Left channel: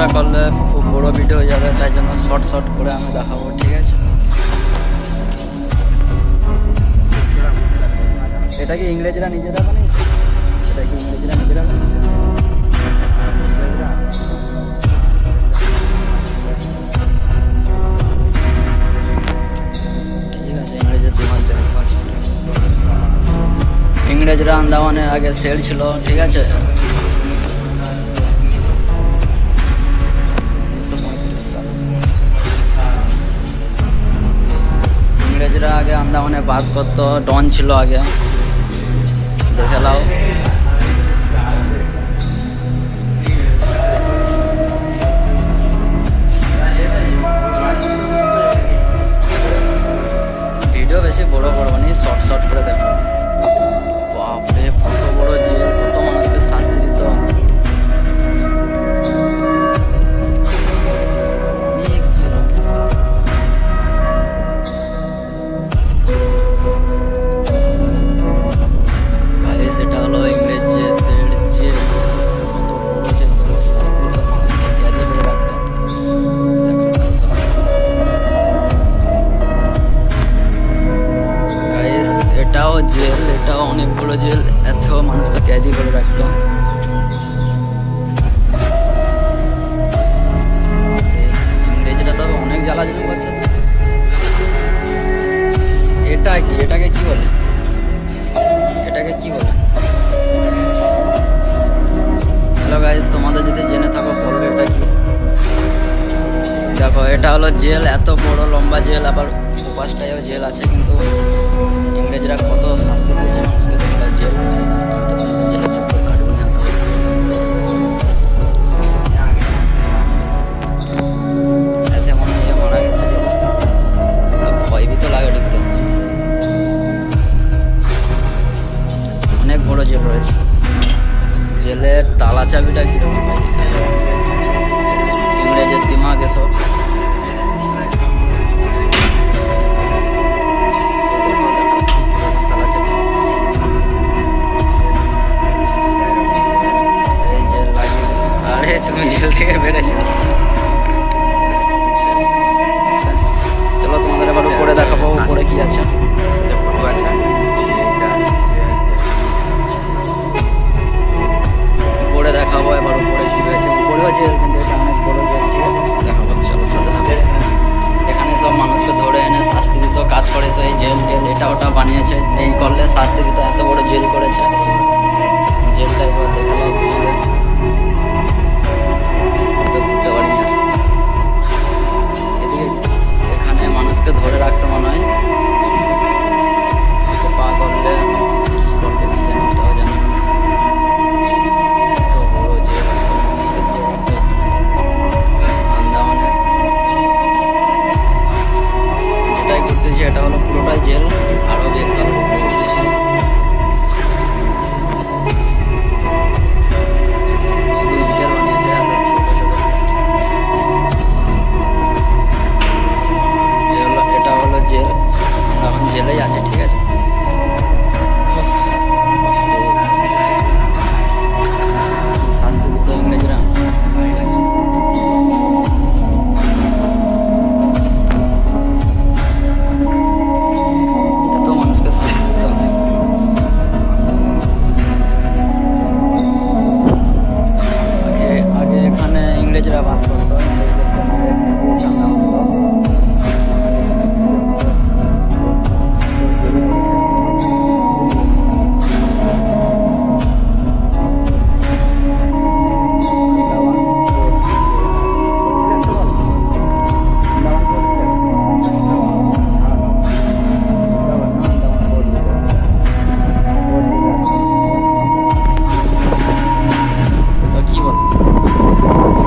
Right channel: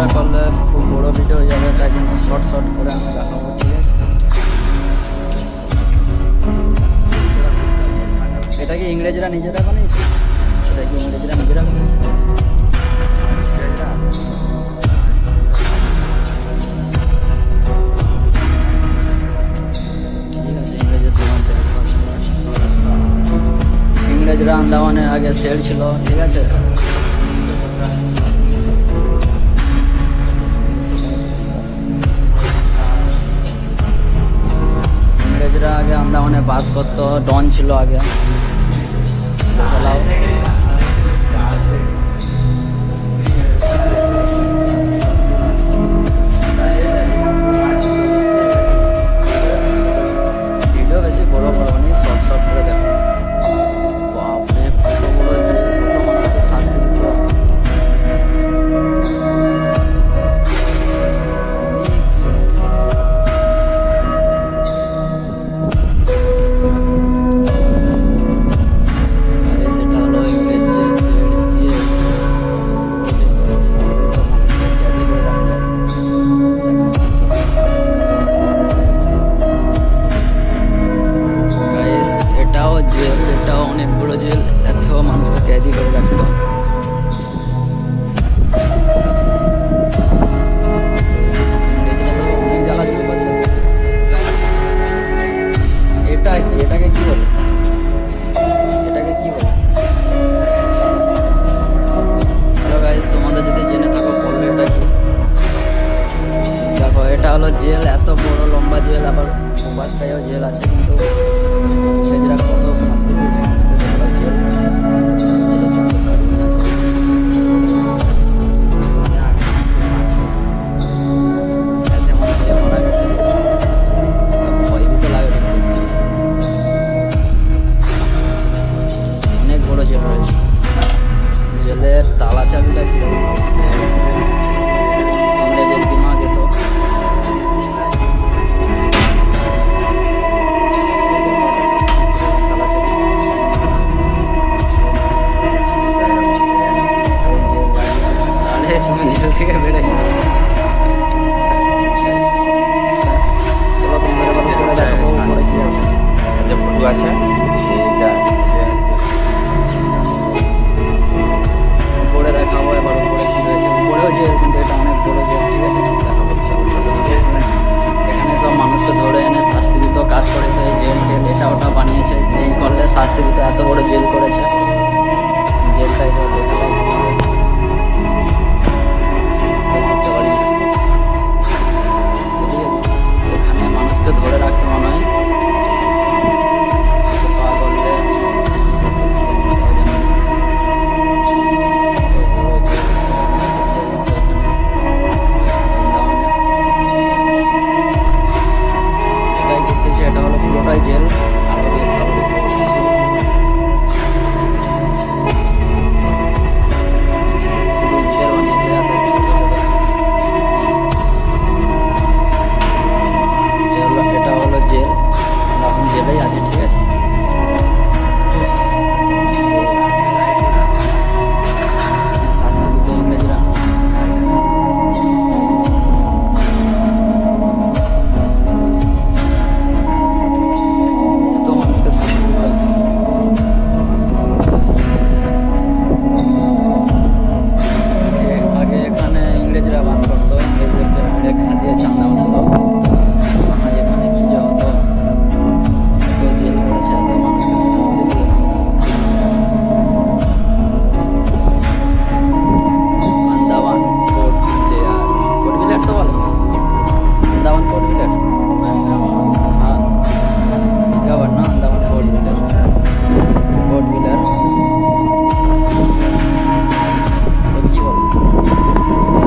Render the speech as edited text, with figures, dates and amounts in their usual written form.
ভিডিওটা করলে খুব বড় ভিডিও হয়ে যাবে, তাই জন্য শর্ট শর্ট করে আমি দেখাবো, ঠিক আছে? এটা কি ইংরেজরা নিজেরা বানিয়েছে? এটা কি ইংরেজরা নিজেরা বানিয়েছে? ঠিক আছে, ইংরেজের দিমাগ দেখা। ইংরেজরা আন্দামানের আগে সেল ছিল, ঠিক আছে? ইংরেজরা আগে আন্দামানে বাস করতো, ডন ছিল আগে, দেখে নাও। ভিডিও বেশি বড় করবো নি, শর্ট শর্ট করে দেখো। বাপরে, কত বড় জেল, কত মানুষকে শাস্তি দিত। সেটা হলো ইংরেজদের জেল, কত বড় জেল, শাস্তি দিত, মানুষকে ক্যাদি করে রাখতো। এটাও জেল, এটাও অনেক বড় জেল, এত মানুষকে ক্যাদি করে রাখতো। ইংরেজরা তো অনেক জ্বালাজুলি করছে। এটা কি, এটাকে কি বলে? এটাকে কি বলে? হ্যালো গাইস, তোমাদের যদি জেনে থাকো বলবে এটা কি। দেখো, এটা হলো জেল, এত বড় লম্বা জেল, আবার উপাসটায়ও জেল আছে, কিন্তু ইংরেজরা কত শাস্তি দিয়েছে মানুষকে, দেখো জেল। জেলের চক্কর কাটবো না, আসা এতে মনে হয় মারা গেছে, ভয়ই তো লাগে ঢুকতে। অনেক বড় জেল রয়েছে। জেলের তালা চাবিটা কিরকম হয়, ইংরেজের দিমাগ এসব। তুমি জেল থেকে বেড়েছো, চলো তোমাদের আবার উপরে দেখাবো, উপরে কি আছে। উপরে দেখাবো এবার উপরে কি রয়েছে। উপরেও জেল, কিন্তু এটা অনেক বড় জেল, ঠিক আছে? দেখাবো, চলো সাথে থাকো। এখানে সব মানুষকে ধরে এনে শাস্তি দিত, কাজ করে তো এই জেল টেল এটা ওটা বানিয়েছে, এই করলে শাস্তি দিতে, এত বড় জেল করেছে। জেলটা এবার দেখালাম তোমাদের, ঘুরতে পারি না। এখানে মানুষকে ধরে রাখতে মনে হয়, পা করলে কি করতো কি জানি, এটাও জানি। এত বড় জেল, আন্দামানে যেটাই করতেছি এটা হলো পুরোটাই জেল, আরো বেশ ভালো করতেছি। শুধু ইটের বানিয়েছে, এত ছোট ছোট। এটা হলো জেল, আমরা এখন জেলেই আছি, ঠিক আছে? শাস্তি দিত ইংরেজরা। এত মানুষকে শাস্তি দিত। আগে এখানে ইংরেজরা বাস করতো, ইংরেজদেরকে মেরে খাইয়ে চান্দা।